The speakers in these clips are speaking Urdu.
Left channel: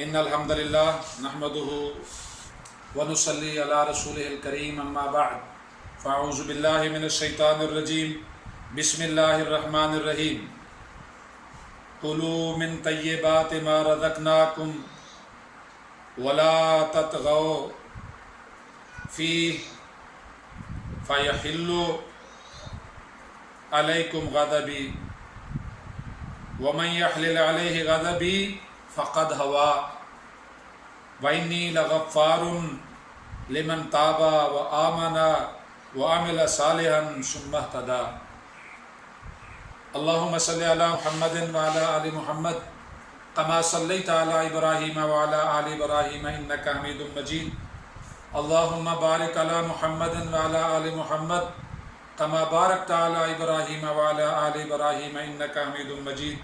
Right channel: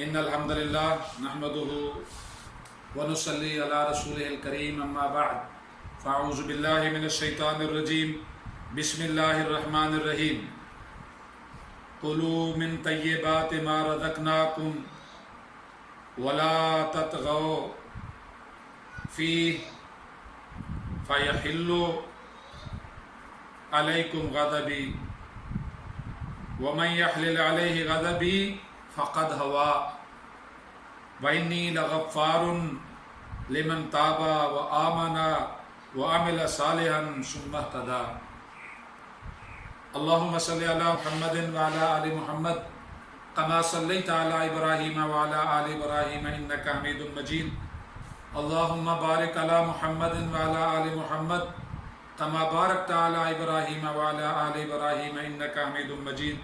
ان الحمد للہ نحمده ونصلی علی رسولہ الکریم اما بعد فاعوذ باللہ من الشیطان الرجیم بسم اللہ الرحمن الرحیم کلوا من طیبات ما رزقناکم ولا تطغوا فیہ فیحل علیکم غضبی ومن یحلل علیہ غضبی فقد ہوا وإنی لغفار لمن تاب وآمن وعمل صالحا ثم اهتدى اللهم صل على محمد وعلى آل محمد كما صليت على إبراهيم وعلى آل إبراهيم إنك حميد مجيد اللهم بارك على محمد وعلى آل محمد كما باركت على إبراهيم وعلى آل إبراهيم إنك حميد مجيد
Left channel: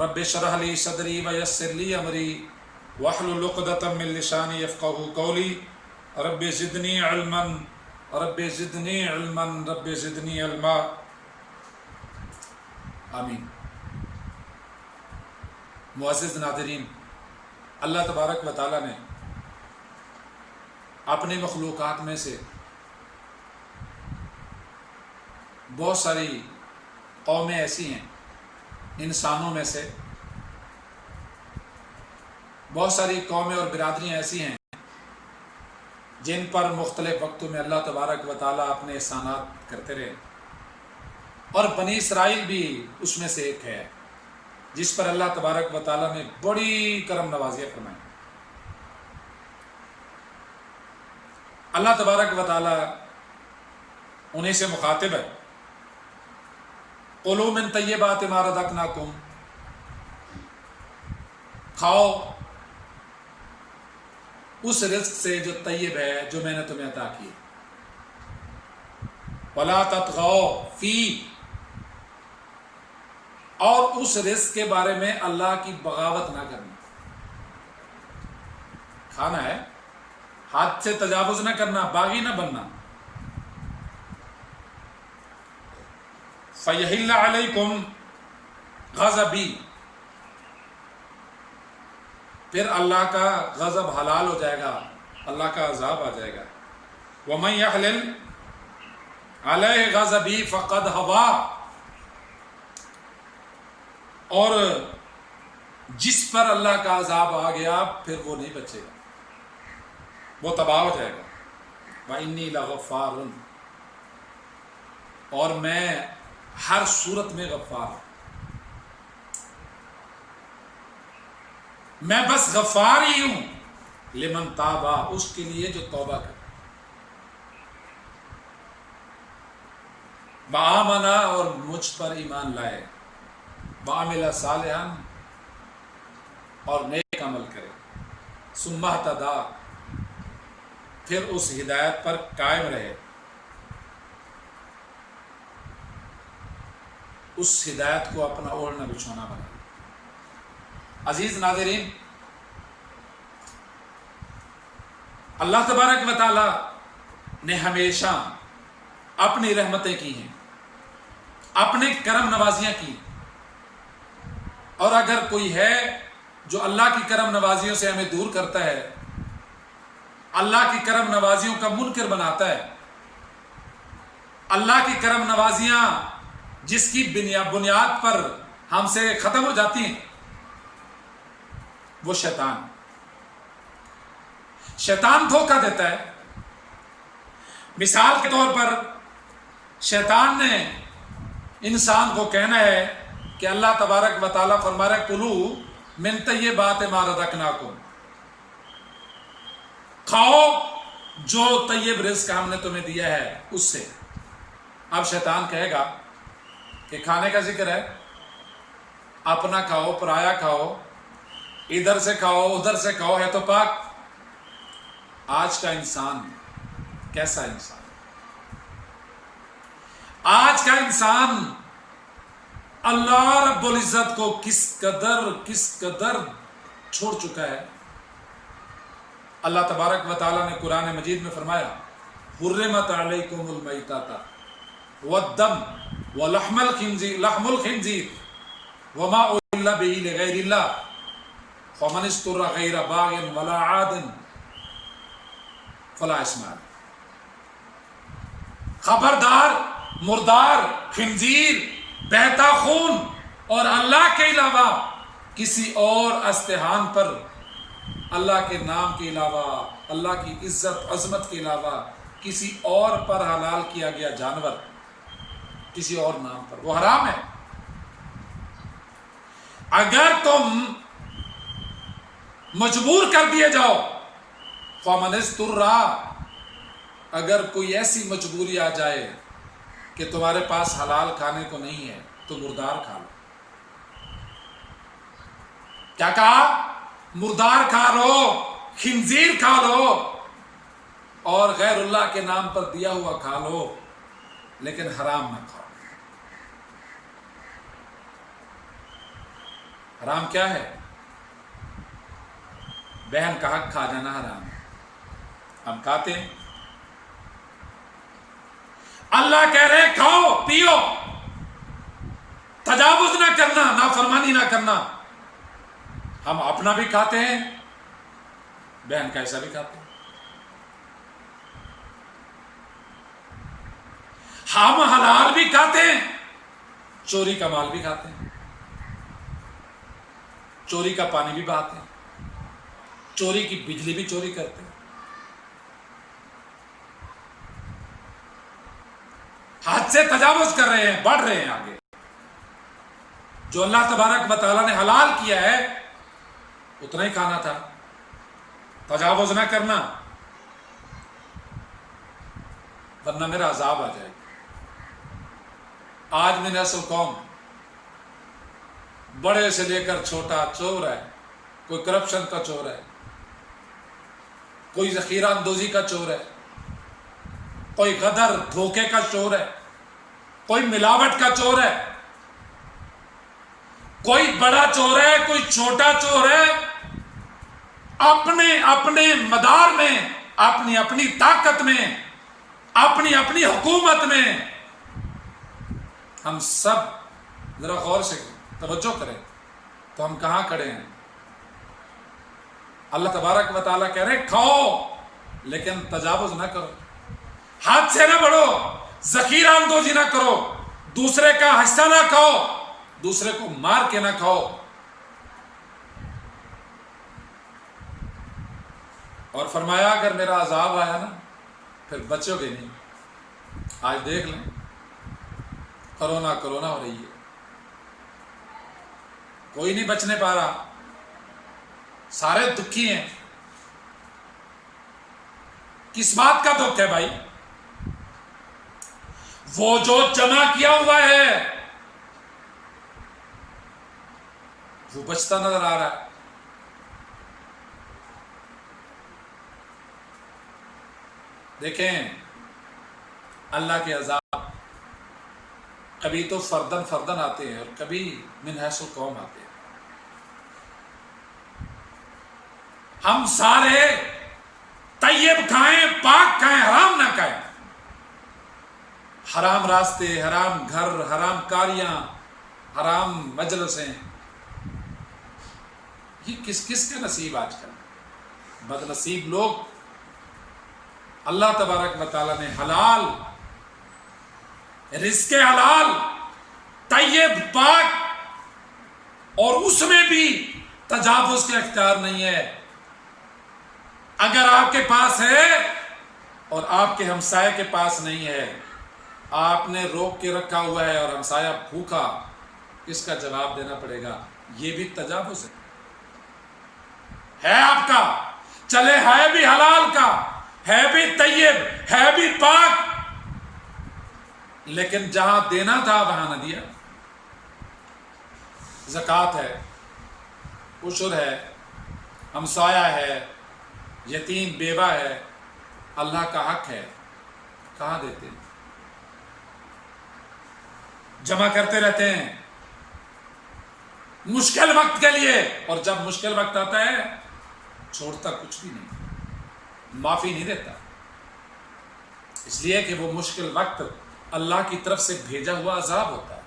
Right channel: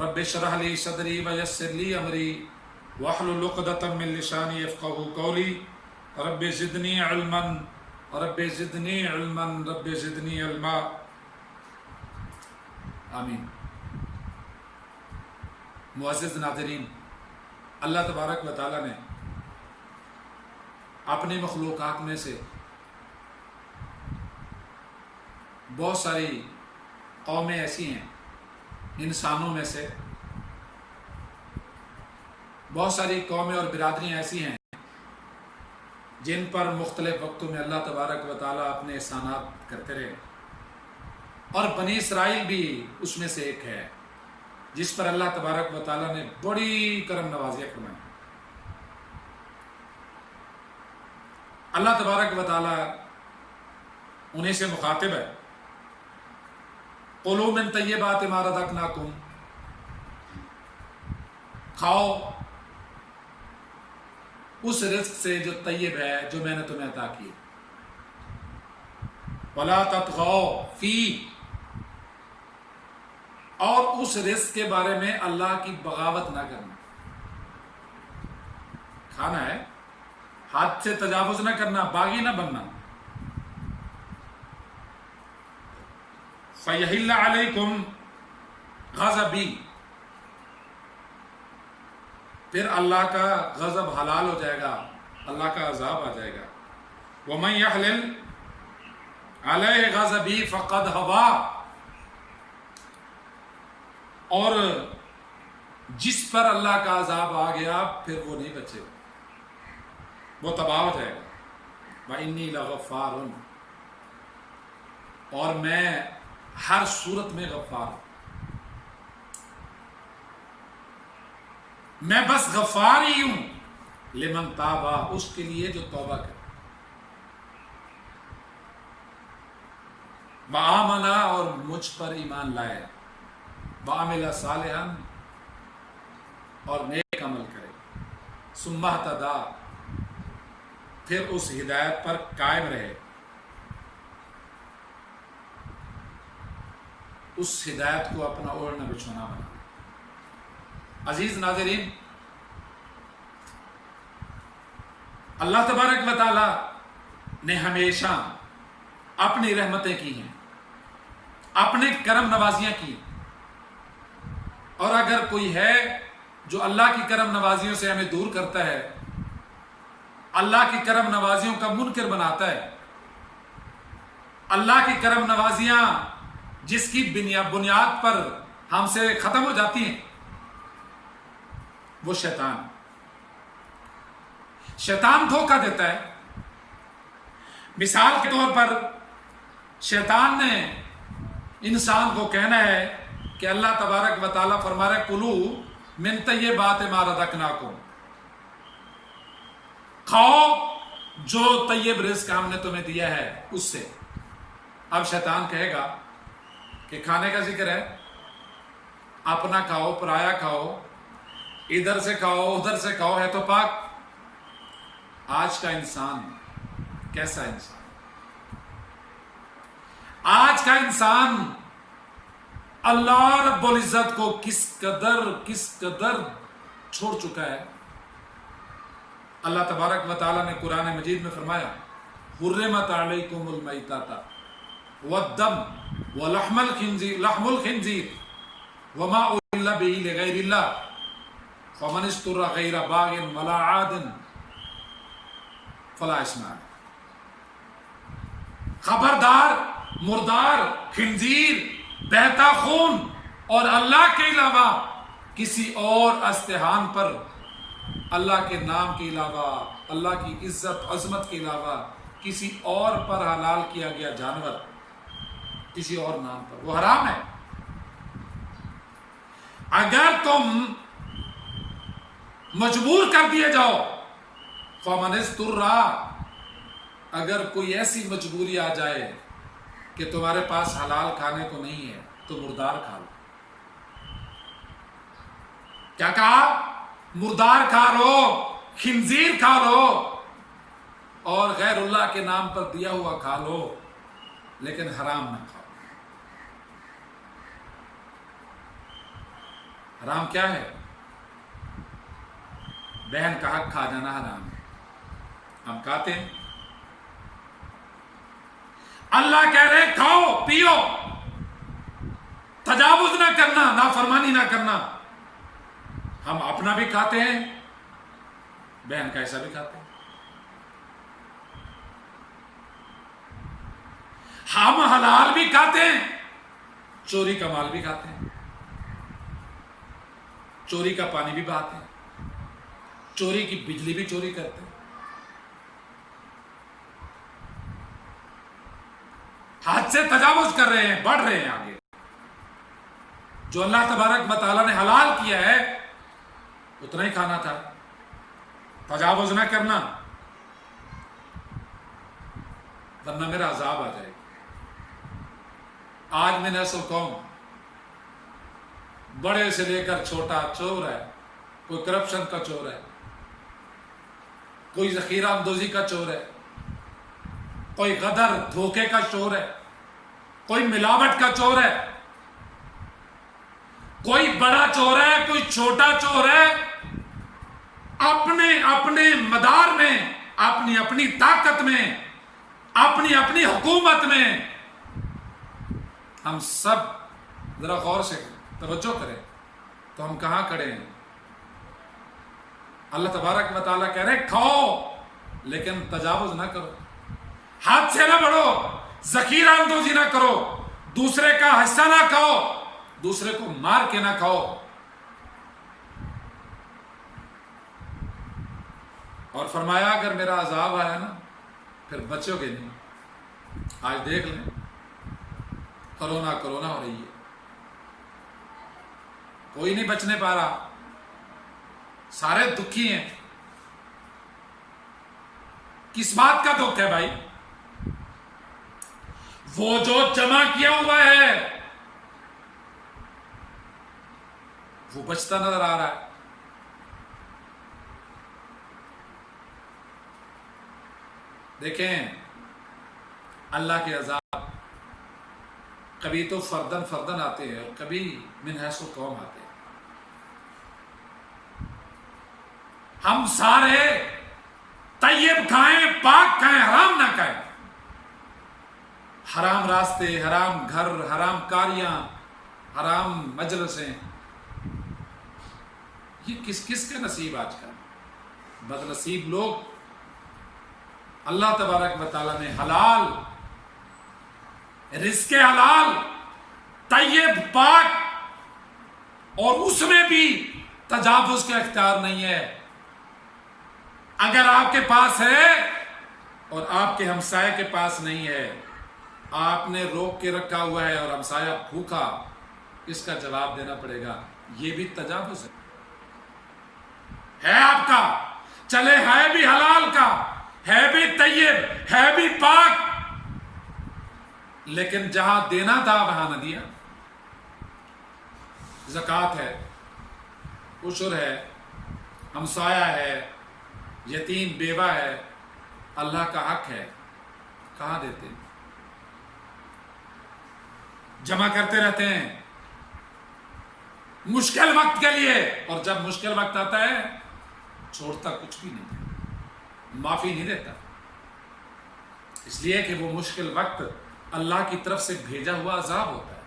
رب اشرح لي صدري ويسر لي امري واحلل عقدة من لساني يفقهوا قولي رب زدني علما رب زدني علما رب زدني علما آمین۔ معزز ناظرین، اللہ تبارک و تعالیٰ نے اپنی مخلوقات میں سے بہت ساری قومیں ایسی ہیں، انسانوں میں سے بہت ساری قومیں اور برادریاں ایسی ہیں جن پر مختلف وقتوں میں اللہ تبارک و تعالیٰ اپنے احسانات کرتے رہے، اور بنی اسرائیل بھی اس میں سے ایک ہے جس پر اللہ تبارک و تعالیٰ نے بڑی کرم نوازیاں فرمائی۔ اللہ تبارک و تعالیٰ انہیں سے مخاطب ہے، قُلُوا مِن طَيِّبَاتِ مَا رَزَقْنَاكُمْ، کھاؤ اس رزق سے جو طیب ہے، جو میں نے تمہیں عطا کی۔ وَلَا تَطْغَوْا فِيهِ، اور اس رزق کے بارے میں اللہ کی بغاوت نہ کرنا۔ کھانا ہے، حد سے تجاوز نہ کرنا، باغی نہ بننا۔ فَيَحِلَّ عَلَيْكُمْ غَضَبِي، پھر اللہ کا غضب حلال ہو جائے گا، اللہ کا عذاب آ جائے گا۔ وَمَن يَحْلِلْ عَلَيْهِ غَضَبِي فَقَدْ هَوَىٰ، اور جس پر اللہ کا عذاب آ گیا پھر وہ نہیں بچے گا، وہ تباہ ہو جائے گا۔ وَإِنِّي لَغَفَّارٌ، اور میں ہر صورت میں غفار ہوں، میں بس غفار ہی ہوں، لمن تابا، اس کے لیے جو توبہ کرے، وآمنا، اور مجھ پر ایمان لائے، وعمل صالحا، اور نیک عمل کرے، ثم اہتدی، پھر اس ہدایت پر قائم رہے، اس ہدایت کو اپنا اوڑھنا بچھونا بنا۔ عزیز ناظرین، اللہ تبارک و تعالی نے ہمیشہ اپنی رحمتیں کی ہیں، اپنی کرم نوازیاں کی، اور اگر کوئی ہے جو اللہ کی کرم نوازیوں سے ہمیں دور کرتا ہے، اللہ کی کرم نوازیوں کا منکر بناتا ہے، اللہ کی کرم نوازیاں جس کی بنیاد پر ہم سے ختم ہو جاتی ہیں، وہ شیطان دھوکہ دیتا ہے۔ مثال کے طور پر شیطان نے انسان کو کہنا ہے کہ اللہ تبارک و تعالیٰ فرما رہے کُلُوا مِن طَيِّبَاتِ مَا رَزَقْنَاكُمْ، کھاؤ جو طیب رزق ہم نے تمہیں دیا ہے اس سے۔ اب شیطان کہے گا کہ کھانے کا ذکر ہے، اپنا کھاؤ، پرایا کھاؤ، ادھر سے کھاؤ ادھر سے کھاؤ، ہے تو پاک۔ آج کا انسان کیسا انسان، آج کا انسان اللہ رب العزت کو کس قدر چھوڑ چکا ہے۔ اللہ تبارک و تعالیٰ نے قرآن مجید میں فرمایا، حرمت علیکم المیتۃ والدم ولحم الخنزیر وما اہل به لغیر اللہ، فمن استر غیر باغ ولا عاد فلا اثم علیہ۔ خبردار، مردار، خنزیر، بہتا خون اور اللہ کے علاوہ کسی اور استحان پر، اللہ کے نام کے علاوہ، اللہ کی عزت عظمت کے علاوہ کسی اور پر حلال کیا گیا جانور کسی اور نام پر وہ حرام ہے۔ اگر تم مجبور کر دیے جاؤ، فمن استر، اگر کوئی ایسی مجبوری آ جائے کہ تمہارے پاس حلال کھانے کو نہیں ہے تو مردار کھا لو۔ کیا کہا؟ مردار کھا لو، خنزیر کھا لو، اور غیر اللہ کے نام پر دیا ہوا کھا لو، لیکن حرام نہ کھاؤ۔ حرام کیا ہے؟ بہن کا حق کھا جانا حرام ہے، ہم کھاتے ہیں۔ اللہ کہہ رہے کھاؤ پیو، تجاوز نہ کرنا، نافرمانی نہ کرنا۔ ہم اپنا بھی کھاتے ہیں، بہن کا ایسا بھی کھاتے ہیں۔ ہم حلال بھی کھاتے ہیں، چوری کا مال بھی کھاتے ہیں، چوری کا پانی بھی بہاتے ہیں، چوری کی بجلی بھی چوری کرتے ہیں، حد سے تجاوز کر رہے ہیں، بڑھ رہے ہیں آگے۔ جو اللہ تبارک و تعالیٰ نے حلال کیا ہے اتنا ہی کھانا تھا، تجاوز نہ کرنا، ورنہ میرا عذاب آ جائے گا۔ آج میں نسل قوم بڑے سے لے کر چھوٹا چور ہے، کوئی کرپشن کا چور ہے، کوئی ذخیرہ اندوزی کا چور ہے، کوئی غدر دھوکے کا چور ہے، کوئی ملاوٹ کا چور ہے، کوئی بڑا چور ہے، کوئی چھوٹا چور ہے۔ اپنے اپنے مدار میں، اپنی اپنی طاقت میں، اپنی اپنی حکومت میں، ہم سب ذرا غور سے توجہ کریں تو ہم کہاں کھڑے ہیں۔ اللہ تبارک و تعالیٰ کہہ رہے کھاؤ لیکن تجاوز نہ کرو، ہاتھ سے نہ بڑھو، ذخیرہ اندوزی نہ کرو، دوسرے کا حصہ نہ کھاؤ، دوسرے کو مار کے نہ کھاؤ۔ اور فرمایا اگر میرا عذاب آیا نا پھر بچو گے نہیں۔ آج دیکھ لیں کرونا ہو رہی ہے، کوئی نہیں بچنے پا رہا، سارے دکھی ہیں۔ کس بات کا دکھ ہے بھائی؟ وہ جو جمع کیا ہوا ہے وہ بچتا نظر آ رہا ہے۔ دیکھیں اللہ کے عذاب کبھی تو فردن آتے ہیں اور کبھی من حیث القوم آتے ہیں۔ ہم سارے طیب کھائیں، پاک کھائیں، حرام نہ کھائیں۔ حرام راستے، حرام گھر، حرام کاریاں، حرام مجلسیں، یہ کس کس کے نصیب آج کل؟ بد نصیب لوگ۔ اللہ تبارک و تعالیٰ نے حلال رزق حلال طیب پاک اور اس میں بھی تجاوز کا اختیار نہیں ہے۔ اگر آپ کے پاس ہے اور آپ کے ہمسائے کے پاس نہیں ہے، آپ نے روک کے رکھا ہوا ہے اور ہمسایہ بھوکا، اس کا جواب دینا پڑے گا، یہ بھی تجاوز ہے آپ کا، چلے ہے بھی حلال کا، ہے بھی طیب، ہے بھی پاک، لیکن جہاں دینا تھا وہاں نہ دیا۔ زکوٰۃ ہے، عشر ہے، ہمسایہ ہے، یتیم بیوہ ہے، اللہ کا حق ہے، کہاں دیتے؟ جمع کرتے رہتے ہیں مشکل وقت کے لیے، اور جب مشکل وقت آتا ہے چھوڑتا کچھ بھی نہیں، معافی نہیں دیتا، اس لیے کہ وہ مشکل وقت اللہ کی طرف سے بھیجا ہوا عذاب ہوتا ہے۔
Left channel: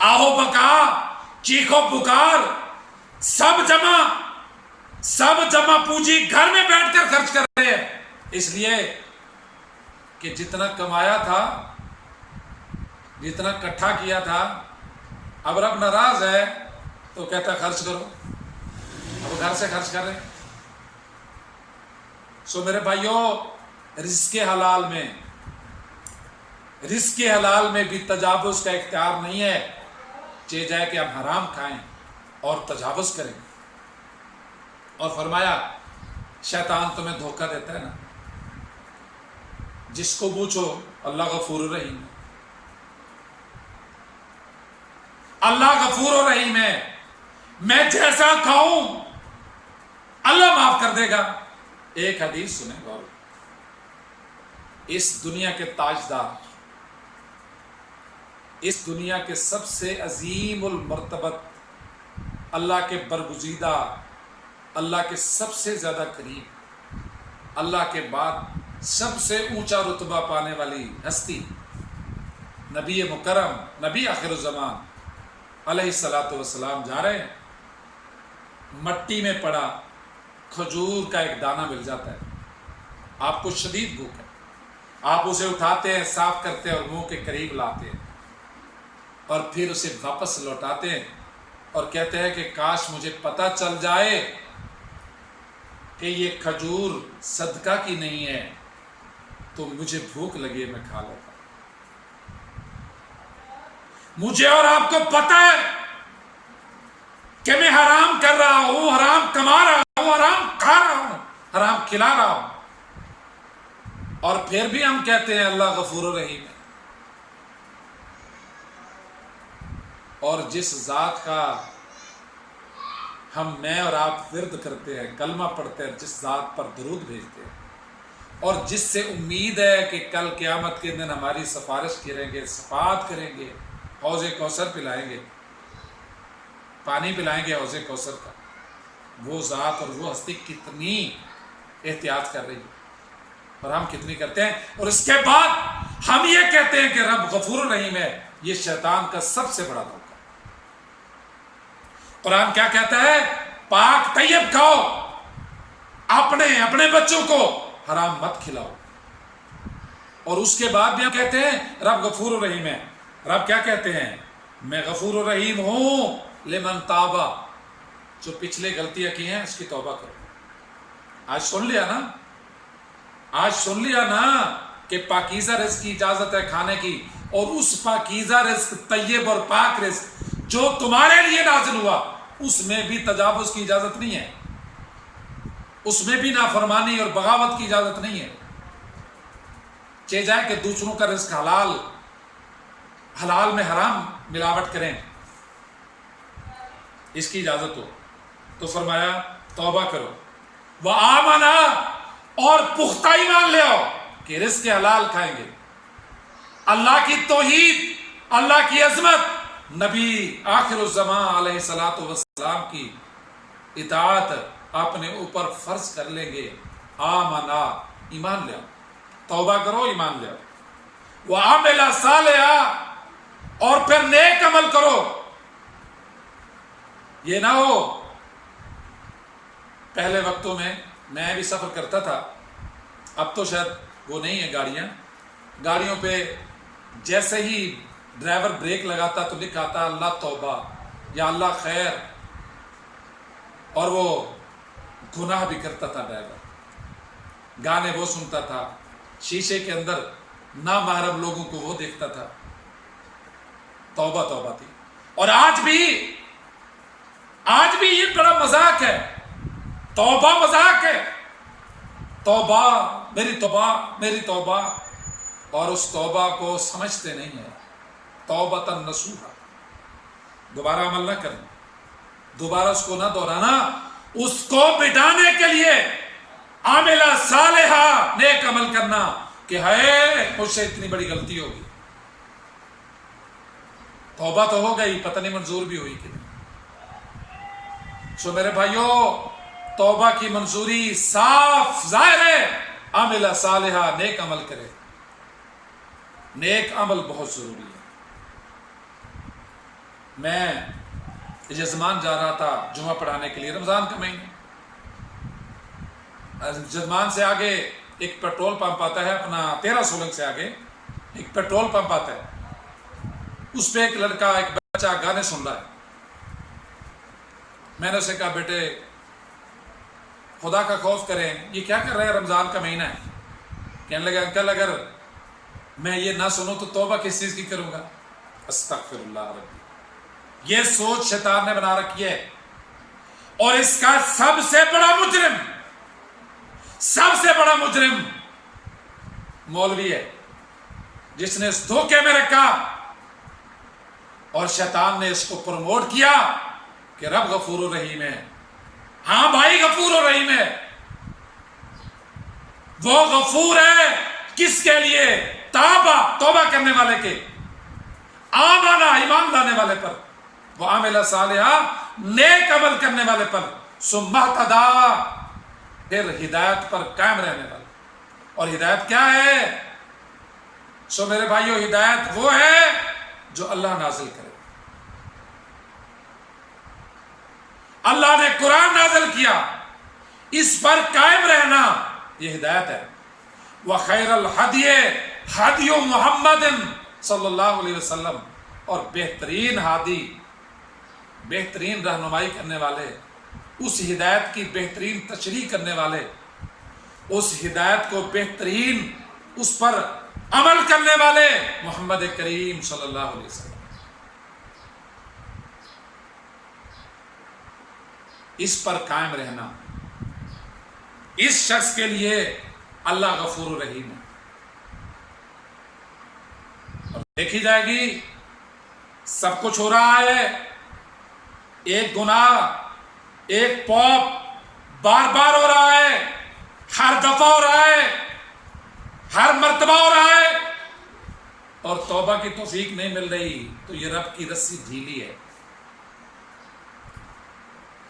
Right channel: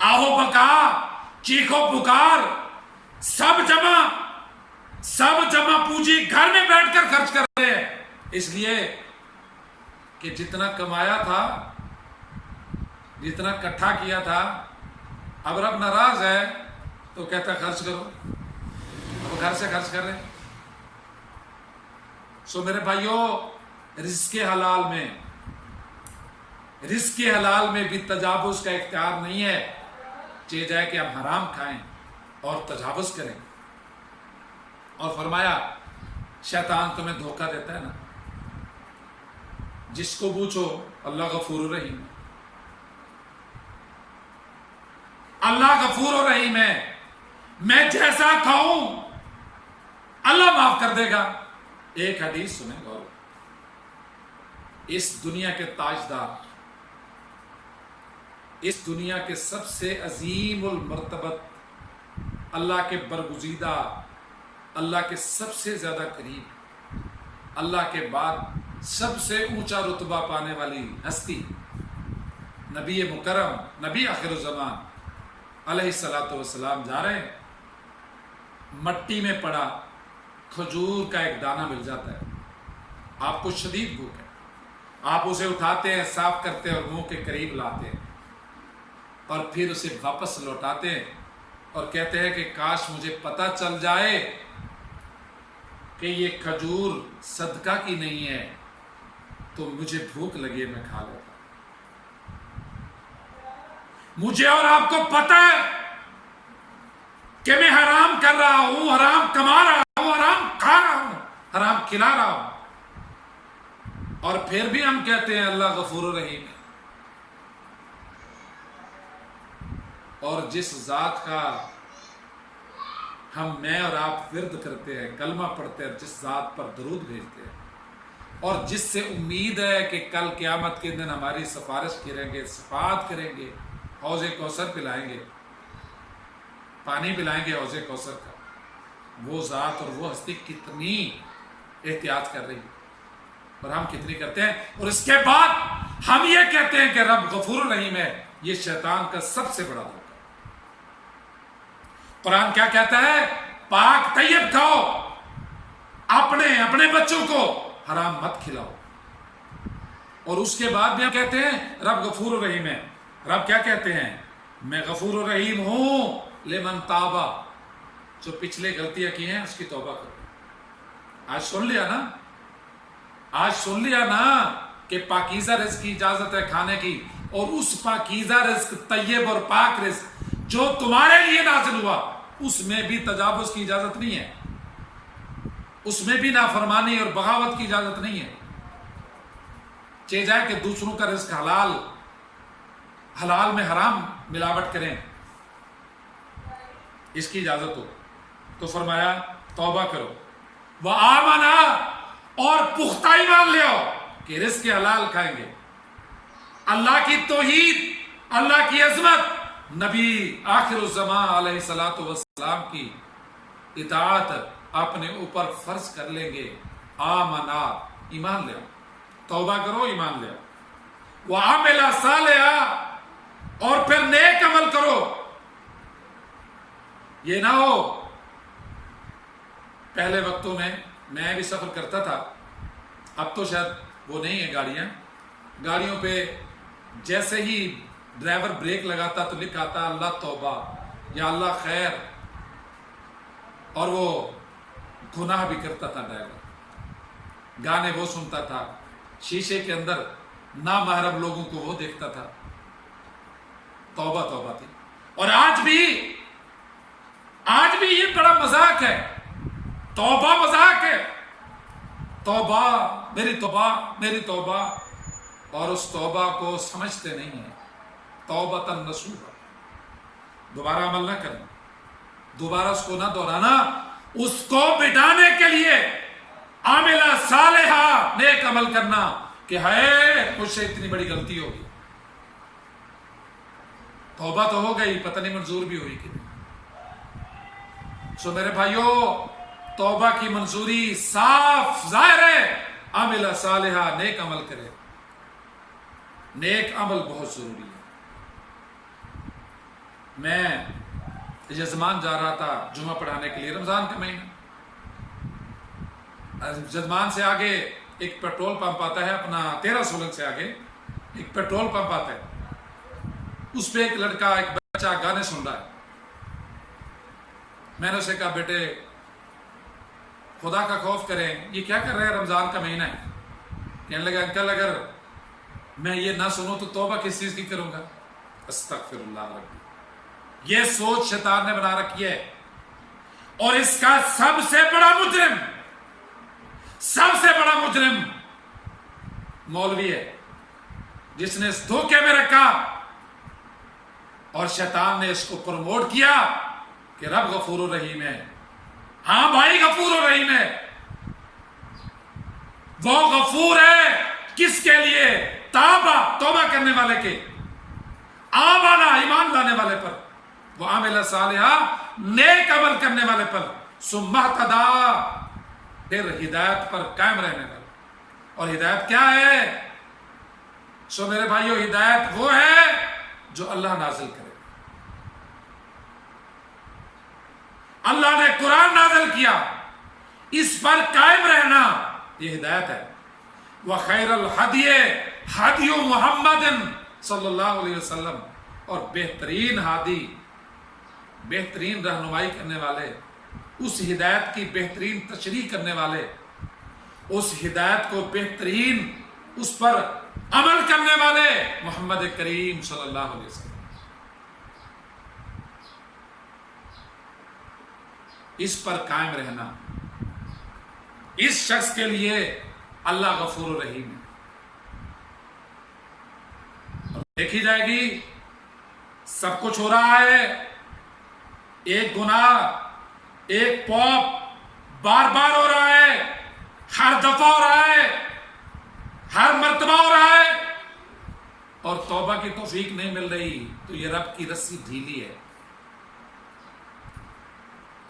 آہو بکا چیخو پکار، سب جمع پونجی گھر میں بیٹھ کر خرچ کر رہے ہیں، اس لیے کہ جتنا کمایا تھا، جتنا اکٹھا کیا تھا، اب رب ناراض ہے تو کہتا ہے خرچ کرو، اب گھر سے خرچ کر رہے ہیں۔ سو میرے بھائیوں، رزق حلال میں بھی تجاوز کا اختیار نہیں ہے، چاہے جائے کہ ہم حرام کھائیں اور تجاوز کریں۔ اور فرمایا شیطان تمہیں دھوکہ دیتا ہے نا، جس کو پوچھو اللہ غفور الرحیم ہے، اللہ غفور الرحیم ہے، میں جیسا کھاؤں اللہ معاف کر دے گا۔ ایک حدیث سنیں غور، اس دنیا کے تاجدار، اس دنیا کے سب سے عظیم المرتبت، اللہ کے برگزیدہ، اللہ کے سب سے زیادہ قریب، اللہ کے بعد سب سے اونچا رتبہ پانے والی ہستی نبی مکرم، نبی آخر الزمان علیہ الصلوۃ والسلام جا رہے ہیں، مٹی میں پڑا کھجور کا ایک دانہ مل جاتا ہے، آپ کو شدید بھوک ہے، آپ اسے اٹھاتے ہیں، صاف کرتے ہیں اور منہ کے قریب لاتے ہیں، اور پھر اسے واپس لوٹاتے ہیں اور کہتے ہیں کہ کاش مجھے پتہ چل جائے کہ یہ کھجور صدقہ کی نہیں ہے تو مجھے بھوک لگی ہے، میں کھا لیتا۔ مجھے اور آپ کو پتہ ہے کہ میں حرام کر رہا ہوں، حرام کما رہا ہوں، حرام کھا رہا ہوں، حرام کھلا رہا ہوں، اور پھر بھی ہم کہتے ہیں اللہ غفور الرحیم ہے۔ اور جس ذات کا میں اور آپ ورد کرتے ہیں، کلمہ پڑھتے ہیں، جس ذات پر درود بھیجتے ہیں، اور جس سے امید ہے کہ کل قیامت کے دن ہماری سفارش کریں گے، شفاعت کریں گے، حوض کوثر پلائیں گے، پانی پلائیں گے حوض کوثر کا، وہ ذات اور وہ ہستی کتنی احتیاط کر رہی ہے اور ہم کتنی کرتے ہیں، اور اس کے بعد ہم یہ کہتے ہیں کہ رب غفور الرحیم ہے۔ یہ شیطان کا سب سے بڑا دھوکہ۔ قرآن کیا کہتا ہے؟ پاک طیب کھاؤ، اپنے بچوں کو حرام مت کھلاؤ، اور اس کے بعد بھی ہم کہتے ہیں رب غفور الرحیم ہے۔ رب کیا کہتے ہیں؟ میں غفور الرحیم ہوں لمن تابا، جو پچھلے غلطیاں کی ہیں اس کی توبہ کرو۔ آج سن لیا نا کہ پاکیزہ رزق کی اجازت ہے کھانے کی، اور اس پاکیزہ رزق، طیب اور پاک رزق جو تمہارے لیے نازل ہوا، اس میں بھی تجاوز کی اجازت نہیں ہے، اس میں بھی نافرمانی اور بغاوت کی اجازت نہیں ہے۔ چاہے جائے کہ دوسروں کا رزق حلال میں حرام ملاوٹ کریں، اس کی اجازت ہو تو فرمایا توبہ کرو، وآمنا، اور پختہ ایمان لے آؤ کہ رزق حلال کھائیں گے، اللہ کی توحید، اللہ کی عظمت، نبی آخر الزمان علیہ الصلوۃ والسلام کی اطاعت اپنے اوپر فرض کر لیں گے۔ آمنا، ایمان لے آؤ، توبہ کرو، ایمان لے آؤ، وعمل صالحا، اور پھر نیک عمل کرو۔ یہ نہ ہو، پہلے وقتوں میں بھی سفر کرتا تھا، اب تو شاید وہ نہیں ہے گاڑیوں پہ جیسے ہی ڈرائیور بریک لگاتا تو لکھا آتا اللہ توبہ یا اللہ خیر، اور وہ گناہ بھی کرتا تھا ڈرائیور، گانے وہ سنتا تھا، شیشے کے اندر نامحرم لوگوں کو وہ دیکھتا تھا۔ توبہ تھی۔ اور آج بھی یہ بڑا مذاق ہے، توبہ مذاق ہے، توبہ میری توبہ، اور اس توبہ کو سمجھتے نہیں ہیں۔ توبۃ نصوحا، دوبارہ عمل نہ کرنا، دوبارہ اس کو نہ دہرانا، اس کو بٹانے کے لیے عاملہ صالحہ، نیک عمل کرنا کہ ہے مجھ سے اتنی بڑی غلطی ہوگی، توبہ تو ہو گئی، پتہ نہیں منظور بھی ہوئی کہ نہیں۔ سو میرے بھائیوں، توبہ کی منظوری صاف ظاہر ہے، عاملہ صالحہ، نیک عمل کرے۔ نیک عمل بہت ضروری ہے۔ میں جزمان جا رہا تھا جمعہ پڑھانے کے لیے، رمضان کا مہینہ، جزمان سے آگے ایک پیٹرول پمپ آتا ہے، اپنا 13 سولنگ سے آگے ایک پیٹرول پمپ آتا ہے، اس پہ ایک لڑکا ایک بچہ گانے سن رہا ہے۔ میں نے اسے کہا بیٹے خدا کا خوف کریں، یہ کیا کر رہے ہیں، رمضان کا مہینہ ہے۔ کہنے لگا انکل اگر میں یہ نہ سنوں تو توبہ کس چیز کی کروں گا؟ استغفر اللہ ربی۔ یہ سوچ شیطان نے بنا رکھی ہے، اور اس کا سب سے بڑا مجرم مولوی ہے، جس نے اس دھوکے میں رکھا، اور شیطان نے اس کو پروموٹ کیا کہ رب غفور و رحیم ہے۔ ہاں بھائی غفور و رحیم ہے، وہ غفور ہے کس کے لیے؟ توبہ کرنے والے کے، آمانا ایمان لانے والے پر، وہ عامل صالحہ نیک عمل کرنے والے پر، ثم اہتدی پھر ہدایت پر قائم رہنے والے۔ اور ہدایت کیا ہے؟ سو میرے بھائیو، ہدایت وہ ہے جو اللہ نازل کرے۔ اللہ نے قرآن نازل کیا، اس پر قائم رہنا یہ ہدایت ہے۔ وَخَيْرَ الْحَدْيِ ہدی محمد صلی اللہ علیہ وسلم، اور بہترین ہادی، بہترین رہنمائی کرنے والے، اس ہدایت کی بہترین تشریح کرنے والے، اس ہدایت کو بہترین اس پر عمل کرنے والے محمد کریم صلی اللہ علیہ وسلم۔ اس پر قائم رہنا، اس شخص کے لیے اللہ غفور و رحیم ہے۔ اور دیکھی جائے گی سب کچھ ہو رہا ہے، ایک گناہ، ایک پاپ بار بار ہو رہا ہے، ہر دفعہ ہو رہا ہے، ہر مرتبہ ہو رہا ہے، اور توبہ کی توفیق نہیں مل رہی، تو یہ رب کی رسی ڈھیلی ہے۔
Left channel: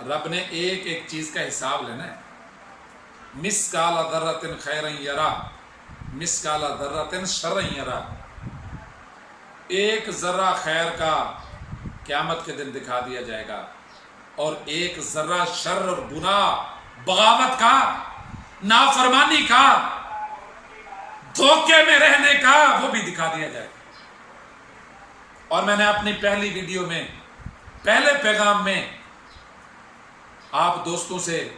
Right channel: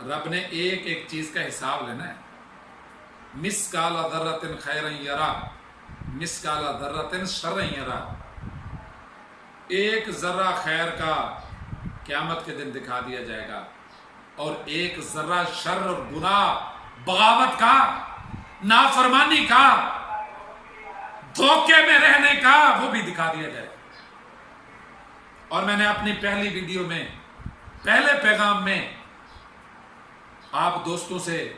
رب نے ایک ایک چیز کا حساب لینا ہے۔ مثقال ذرۃ خیرا یرا، مثقال ذرۃ شرا یرا، ایک ذرہ خیر کا قیامت کے دن دکھا دیا جائے گا، اور ایک ذرہ شر اور گناہ، بغاوت کا، نافرمانی کا، دھوکے میں رہنے کا، وہ بھی دکھا دیا جائے گا۔ اور میں نے اپنی پہلی ویڈیو میں، پہلے پیغام میں آپ دوستوں سے،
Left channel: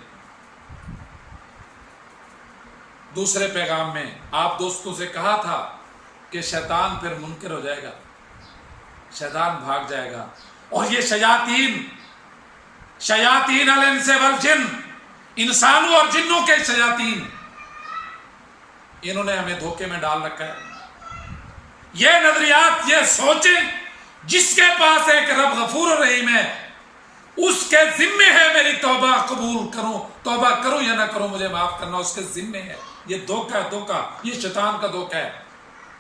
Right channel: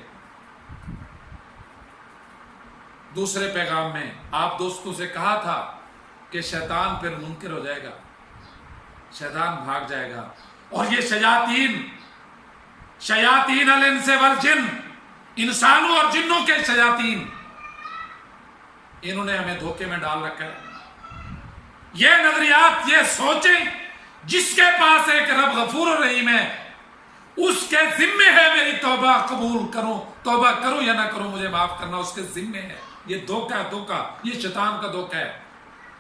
دوسرے پیغام میں آپ دوستوں سے کہا تھا کہ شیطان پھر منکر ہو جائے گا، شیطان بھاگ جائے گا، اور یہ شیاطین الانس والجن، انسانوں اور جنوں کے شیاطین، انہوں نے ہمیں دھوکے میں ڈال رکھا ہے۔ یہ نظریات، یہ سوچیں، جس کے پاس ہے کہ رب غفور رحیم ہے، اس کے ذمے ہے میری توبہ قبول کروں، توبہ کروں یا نہ کروں، مجھے معاف کرنا اس کے ذمے ہے۔ یہ دھوکہ، یہ شیطان کا دھوکہ ہے،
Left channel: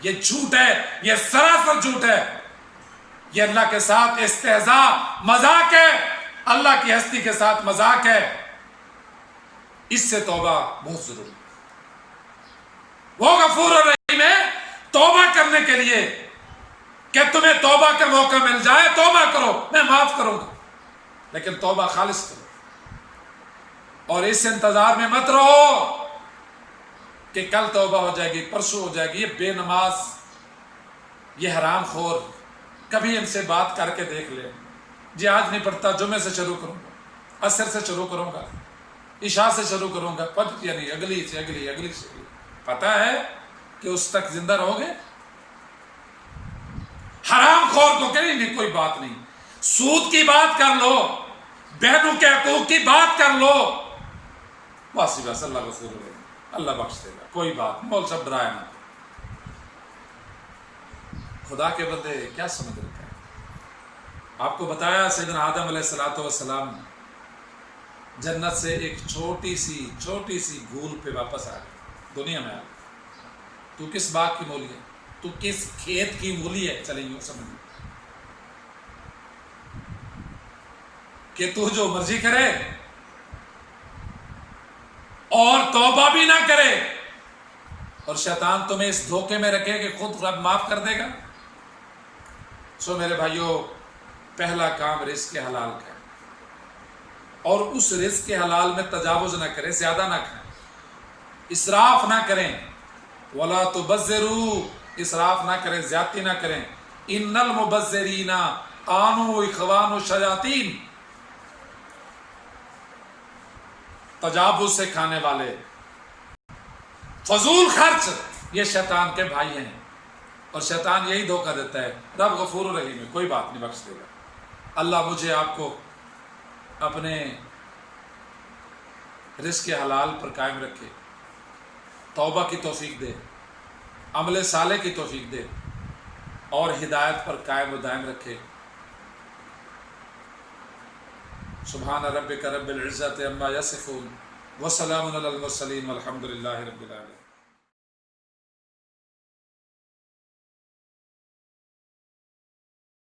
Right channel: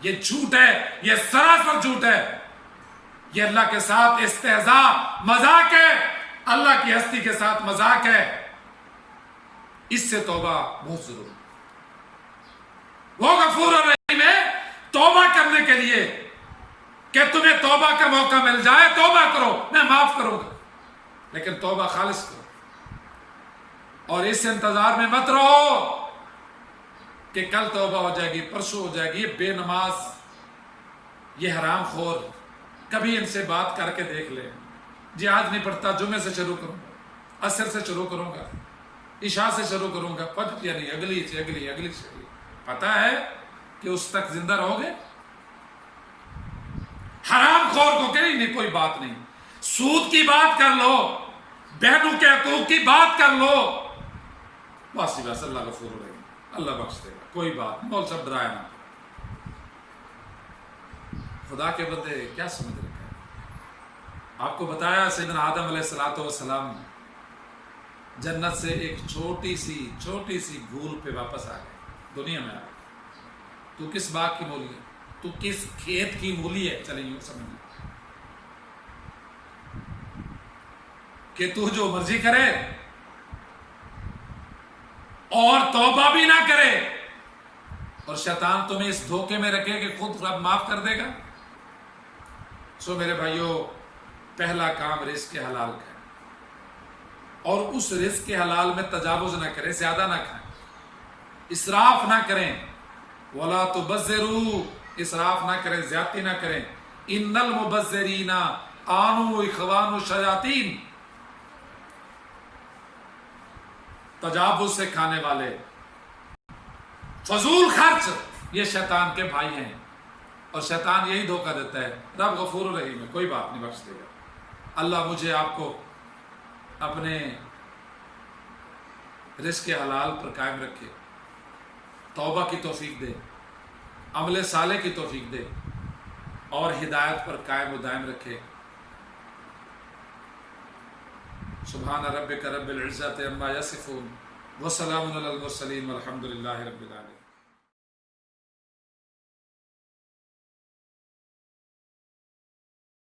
یہ جھوٹ ہے، یہ سراسر جھوٹ ہے، یہ اللہ کے ساتھ استہزاء، مذاق ہے، اللہ کی ہستی کے ساتھ مذاق ہے۔ اس سے توبہ بہت ضروری ہے۔ وہ غفور الرحیم ہے، توبہ کرنے کے لیے کہ تمہیں توبہ کا موقع مل جائے، توبہ کرو، میں معاف کروں گا، لیکن توبہ خالص کرو، اور اس انتظار میں مت رہو کہ کل توبہ ہو جائے گی، پرسوں ہو جائے گی۔ یہ بے نماز، یہ حرام خور، کبھی ان سے بات کر کے دیکھ لے، جی آج نہیں پڑھتا، جمعے سے شروع کروں گا، عصر سے شروع کروں گا، عشاء سے شروع کروں گا، فجر یعنی اگلی سے اگلی، پتہ ہے کہ اس تک زندہ رہو گے؟ حرام خور کو کہ نہیں کوئی بات نہیں، سود کی بات کر لو، بہنوں کے حقوق کی بات کر لو، بس اللہ غفور رحیم، اللہ بخش دے گا، کوئی بات نہیں، مول صاحب ڈرائے نہ۔ خدا کے بندے کیا سمجھ رکھا ہے؟ آپ کو بتایا سیدنا آدم علیہ السلام جنت سے ایک چھوٹی سی بھول پہ واپس آ گئے، دنیا میں آ گئے۔ تو کس باغ کی مولی ہے، تو کس کھیت کی مولی ہے، چلیں یوں سمجھ کہ تو جو مرضی کرے اور توبہ بھی نہ کرے، اور شیطان تمہیں اس دھوکے میں رکھے کہ خود رب معاف کر دے گا۔ سو میرے بھائیوں، پہلا کام رزق حلال کا ہے۔ اور اس رزق کے حلال میں تجاوز نہ کریں، زیادہ نہ کھائیں، اسراف نہ کریں، ولا تبذروا، اسراف نہ کریں، زیادتی نہ کریں، ان المبذرین کانوا اخوان الشیاطین، تجاوز سے کھانے والے، فضول خرچ، یہ شیطان کے بھائی ہیں، اور شیطان یہی دھوکہ دیتا ہے۔ رب غفور الرحیم ہے، کوئی بات نہیں، بخش دے گا۔ اللہ مجھے آپ کو اپنے رزق حلال پر قائم رکھے، توبہ کی توفیق دے، عمل صالح کی توفیق دے، اور ہدایت پر قائم و دائم رکھے۔ سبحان ربک رب العزت عما یصفون وسلام علی المرسلین والحمد للہ رب العالمین۔